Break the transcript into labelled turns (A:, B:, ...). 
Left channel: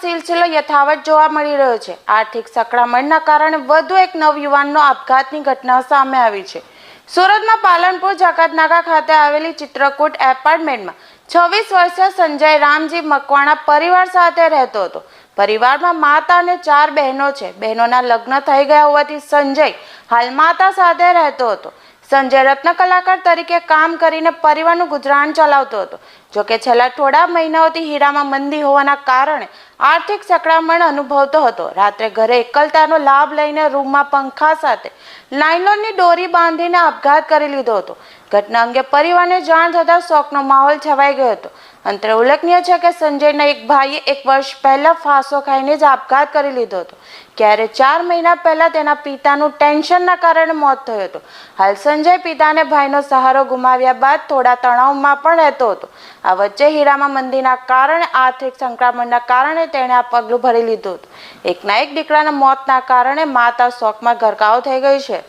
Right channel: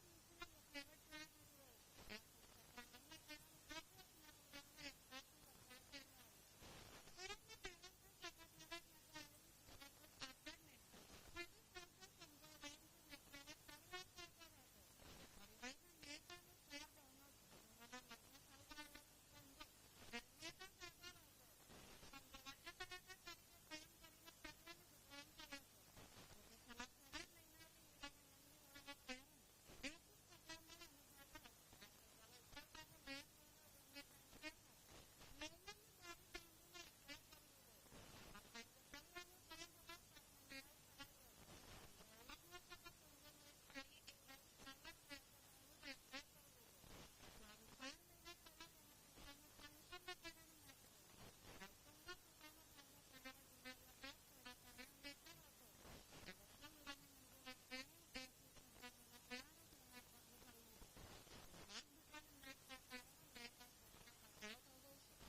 A: સિલસિલો યથાવત જોવા મળી રહ્યો છે. આર્થિક સંકળામણના કારણે વધુ એક નવયુવાનનો આપઘાતની ઘટના સામે આવી છે. સુરતમાં પાલનપુર જકાતનાકા ખાતે આવેલી ચિત્રકૂટ એપાર્ટમેન્ટમાં છવ્વીસ વર્ષીય સંજય રામજી મકવાણા પરિવાર સાથે રહેતો હતો. પરિવારમાં માતા અને ચાર બહેનો છે. બહેનોના લગ્ન થઈ ગયા હોવાથી સંજય હાલ માતા સાથે રહેતો હતો. સંજય રત્ન કલાકાર તરીકે કામ કરીને પરિવારનું ગુજરાન ચલાવતો હતો. જોકે છેલ્લા થોડા મહિનાઓથી હીરામાં મંદી હોવાના કારણે આર્થિક સંકળામણ અનુભવતો હતો. રાત્રે ઘરે એકલતાનો લાભ લઈને રૂમમાં પંખા સાથે નાયલોનની દોરી બાંધીને આપઘાત કરી લીધો હતો. ઘટના અંગે પરિવારને જાણ થતાં શોકનો માહોલ છવાઈ ગયો હતો. અંતરે ઉલ્લેખનીય છે કે સંજયના એક ભાઈએ એક વર્ષ પહેલા ફાંસો ખાઈને જ આપઘાત કરી લીધો હતો. ક્યારે ચાર મહિના પહેલા તેના પિતાનું ટેન્શનના કારણે મોત થયું હતું. હાલ સંજય પિતાને ભાઈનો સહારો ગુમાવ્યા બાદ થોડા તણાવમાં પણ રહેતો હતો. આ વચ્ચે હીરામાં મંદીના કારણે આર્થિક સંક્રમણના કારણે તેણે આ પગલું ભરી લીધું હતું. એકના એક દીકરાના મોતના કારણે માતા શોકમાં ગરકાવ થઈ ગઈ છે.